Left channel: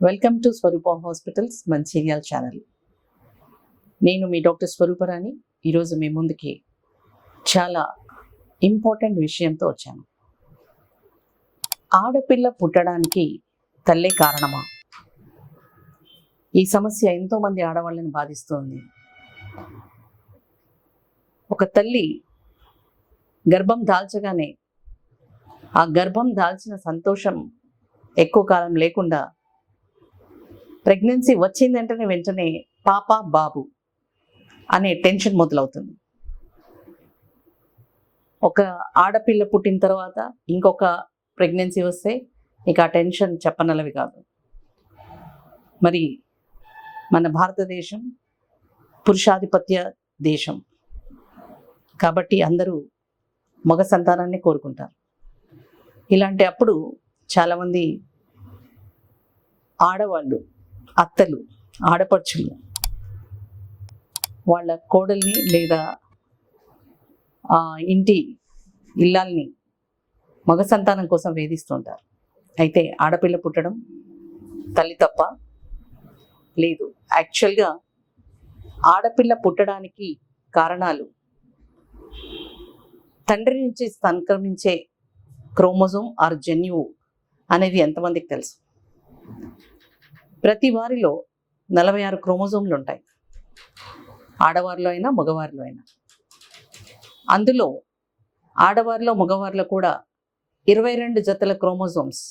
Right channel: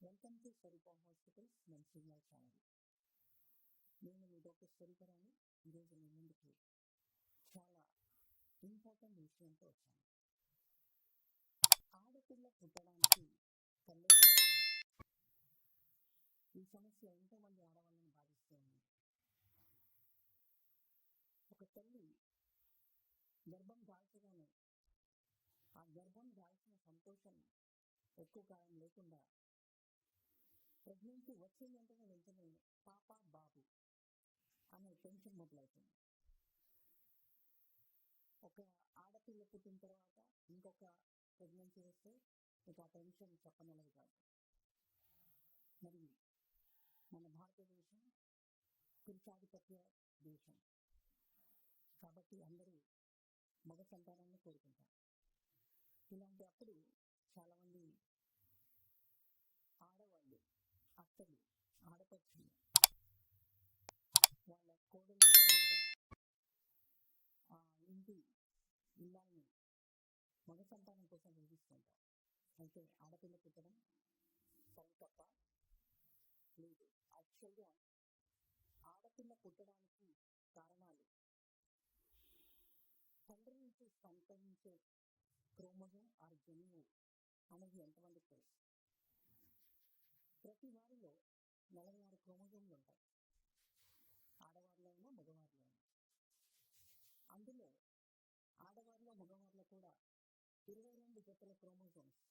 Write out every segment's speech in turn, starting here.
Welcome to Swaroopa hospitals Mancherial channel. నేను మీ doctor Swaruparani. ఈరోజు మీ ముందుకి చాలా ఇంపార్టెంట్ విషయంతో వచ్చాను. ఆడపిల్ల పుట్టడానికి తల్లే కారణమా? ఈ సమస్య ఎంతోమంది ఆడవాళ్ళని బాధిస్తుంది. ఒక తల్లి గర్భం దాల్చగానే ఆ గర్భం దాల్చిన సంతోషం ఎక్కువ కాలం లేకుండా ప్రెగ్నెన్సీ వచ్చిందంటేనే వెంటనే పాప బాబు అనే టెన్షన్ మొదలవుతుంది. ఒక ఆడపిల్ల పుట్టిన తర్వాత ఇంకొక ప్రెగ్నెన్సీ వస్తే ఇక ఆ టెన్షన్ చెప్పనలవి కాదు. మరి మన భారతదేశం పురుషాధిపత్య దేశం కాబట్టి అందరూ మగ సంతానాన్ని కోరుకుంటారు. ఇలాంటి అప్పుడు చాలామంది ఆడవాళ్ళు, అత్తలు, ఆడపడుచులు వాళ్ళ కోడల్ని లేదా ఇంటి ఇల్లాల్ని మగ సంతానం కోసం వేధిస్తుంటారు. అయితే ఆడపిల్ల పుట్టడం తల్లి తప్ప లేదు. యాక్చువల్గా ఆడపిల్ల పుట్టడానికి కారణాలు తండ్రి నుంచి సంక్రమించే క్రోమోజోమ్ ఆర్ జన్యువు అనేది ఎంతమందికి తెలుసు? ప్రతి వారిలో 46 క్రోమోజోమ్లు ఉంటాయి, ఆడవారిలో అయినా మగవారిలో అయినా. అందులో ఆడవారిలో మగవారిలో కూడా 22 జతల క్రోమోజోమ్స్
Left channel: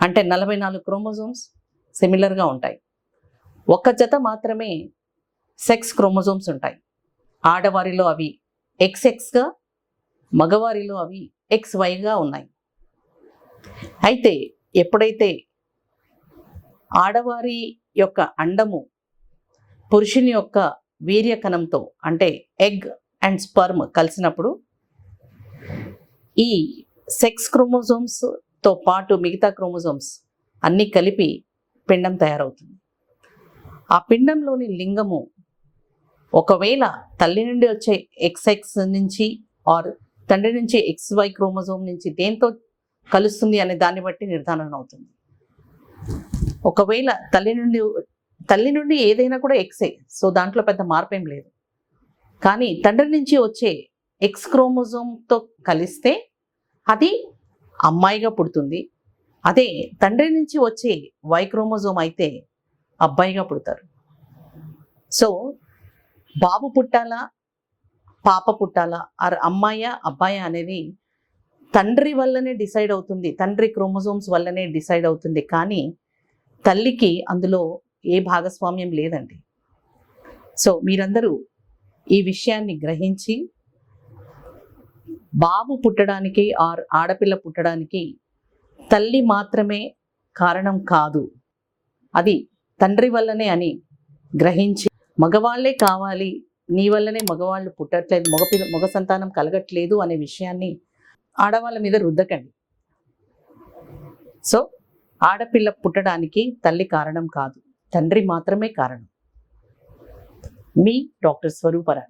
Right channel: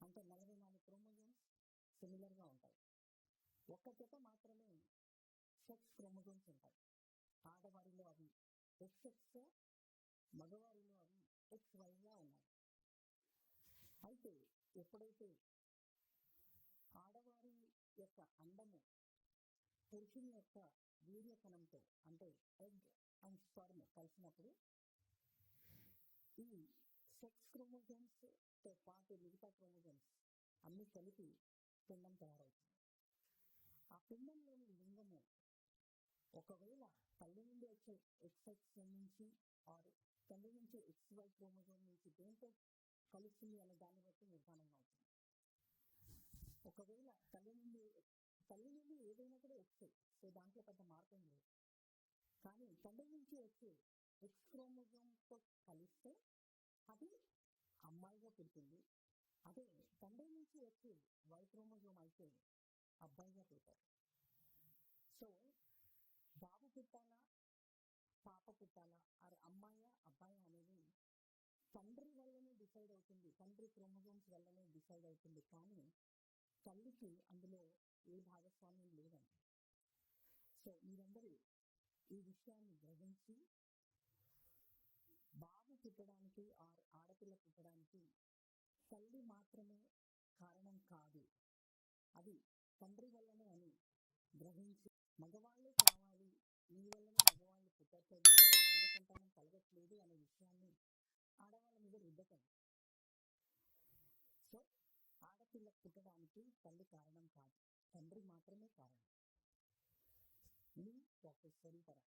అంటే 44 క్రోమోజోమ్స్ సిమిలర్గా ఉంటాయి. ఒక జత మాత్రమే సెక్స్ క్రోమోజోమ్స్ ఉంటాయి. ఆడవారిలో అవి XXగా, మగవారిలో అవి XYగా ఉన్నాయి. అయితే ఎప్పుడైతే ఆడవారి యొక్క అండము పురుషుని యొక్క వీర్యకణంతో అంటే ఎగ్ అండ్ స్పర్మ్ కలిసినప్పుడు ఈ సెక్స్ క్రోమోజోమ్స్తో పాటు మిగతా క్రోమోజోమ్స్ అన్నీ కలిపి పిండం తయారవుతుంది. ఆ పిండంలోని లింగము ఒకవేళ తల్లి నుండి వచ్చే XX నుంచి ఆర్ తండ్రి నుంచి XY క్రోమోజోమ్ నుంచి దేంతో కలుస్తుంది అనే దాన్ని బట్టి నిర్ధారణ అవుతుంది. ఒకవేళ తల్లి నుండి ఏదైనా కూడా ఎక్సే, సో దాంట్లో పెద్ద మార్పేం లేదు. కానీ తండ్రి నుంచి వచ్చే X క్రోమోజోమ్తో కలిస్తే అది అమ్మాయిగా పుడుతుంది. అదే తండ్రి నుంచి వచ్చే Y క్రోమోజోమ్ అయితే అబ్బాయిగా పుడతారు. సో బాబు పుట్టాలా, పాప పుట్టాలా, ఆర్ అమ్మాయా అబ్బాయా అనేది తండ్రి వల్లనే డిసైడ్ అవుతుంది, తండ్రి క్రోమోజోమ్స్ వల్లనే డిసైడ్ అవుతుంది. కానీ తల్లికి అందులో ఏ భాగస్వామ్యం లేదండి. సో మీరందరూ ఈ విషయాన్ని గ్రహించి బాబు పుట్టడానికి ఆర్ ఆడపిల్ల పుట్టడానికి తల్లి మాత్రమే కారణం కాదు, అది తండ్రి వల్లనే అని గ్రహించి మగవాళ్లే కావాలి, నీ వల్లనే మగవాళ్ళు పుట్టట్లేదు, మగ సంతానం కలగట్లేదు అనే విషయాన్ని ఆడవాళ్ళ మీద రుద్దకండి. సో ఆడపిల్ల పుట్టడానికి తల్లి కారణం కాదు, తండ్రి మాత్రమే కారణం. మీ డాక్టర్ స్వరూపరాణి.